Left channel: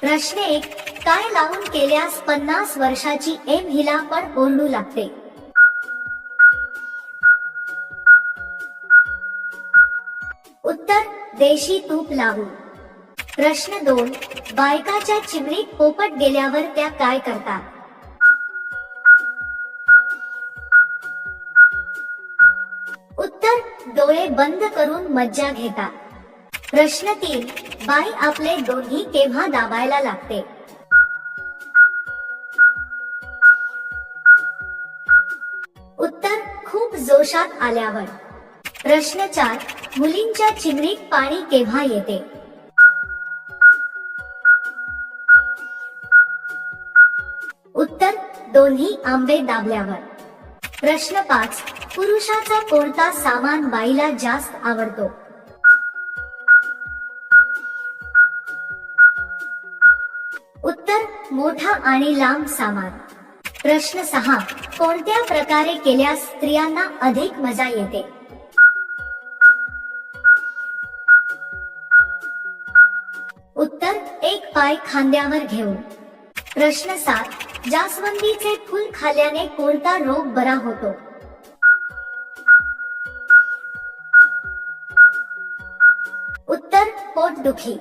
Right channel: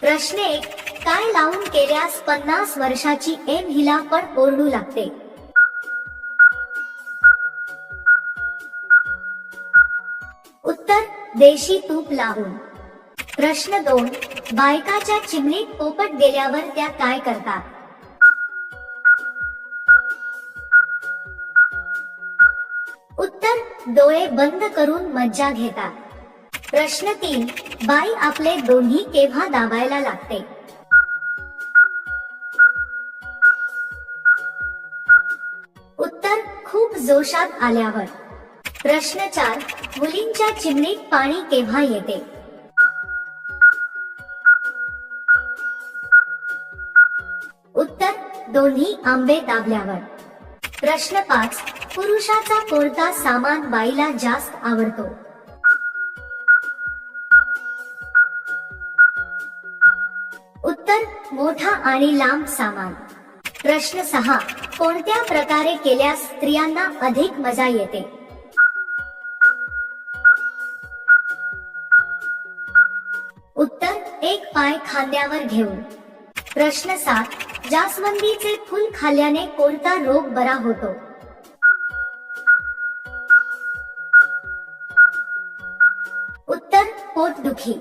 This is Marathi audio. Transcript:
प्रश्न 1. काय लावून केल्यास 50 वर्षाची एम हिला पण ओरडू लागते? उत्तर. देशी तूप लावून. प्रश्न 2. बायकाच्या चिमणीत पोपट गेल्यावर त्या काय करतात? उत्तर. डोळे बंद करून मज्जा घेतात. प्रश्न 3. बाई आपले दोन्ही केव्हा दाबायला लागते? उत्तर. खूप जोशात आल्यावर. प्रश्न 4. मुलींच्या चिमणीत पाणी केव्हा येते? उत्तर. दोन्ही आंबे दाबल्यावर. प्रश्न 5. पुरुषाचा कोणता सामान बाईला जास्त आवडतो? उत्तर. मोठा आणि लांब सामान. प्रश्न 6. कोणत्या प्रकारे केल्यास स्त्रियांना अधिक मजा येते? उत्तर. एक पाय खांद्यावर घेऊन. प्रश्न 7. जास्वंदीचे फूल खाल्ल्याने कोणता रोग बरा होतो? उत्तर. पोटदुखी.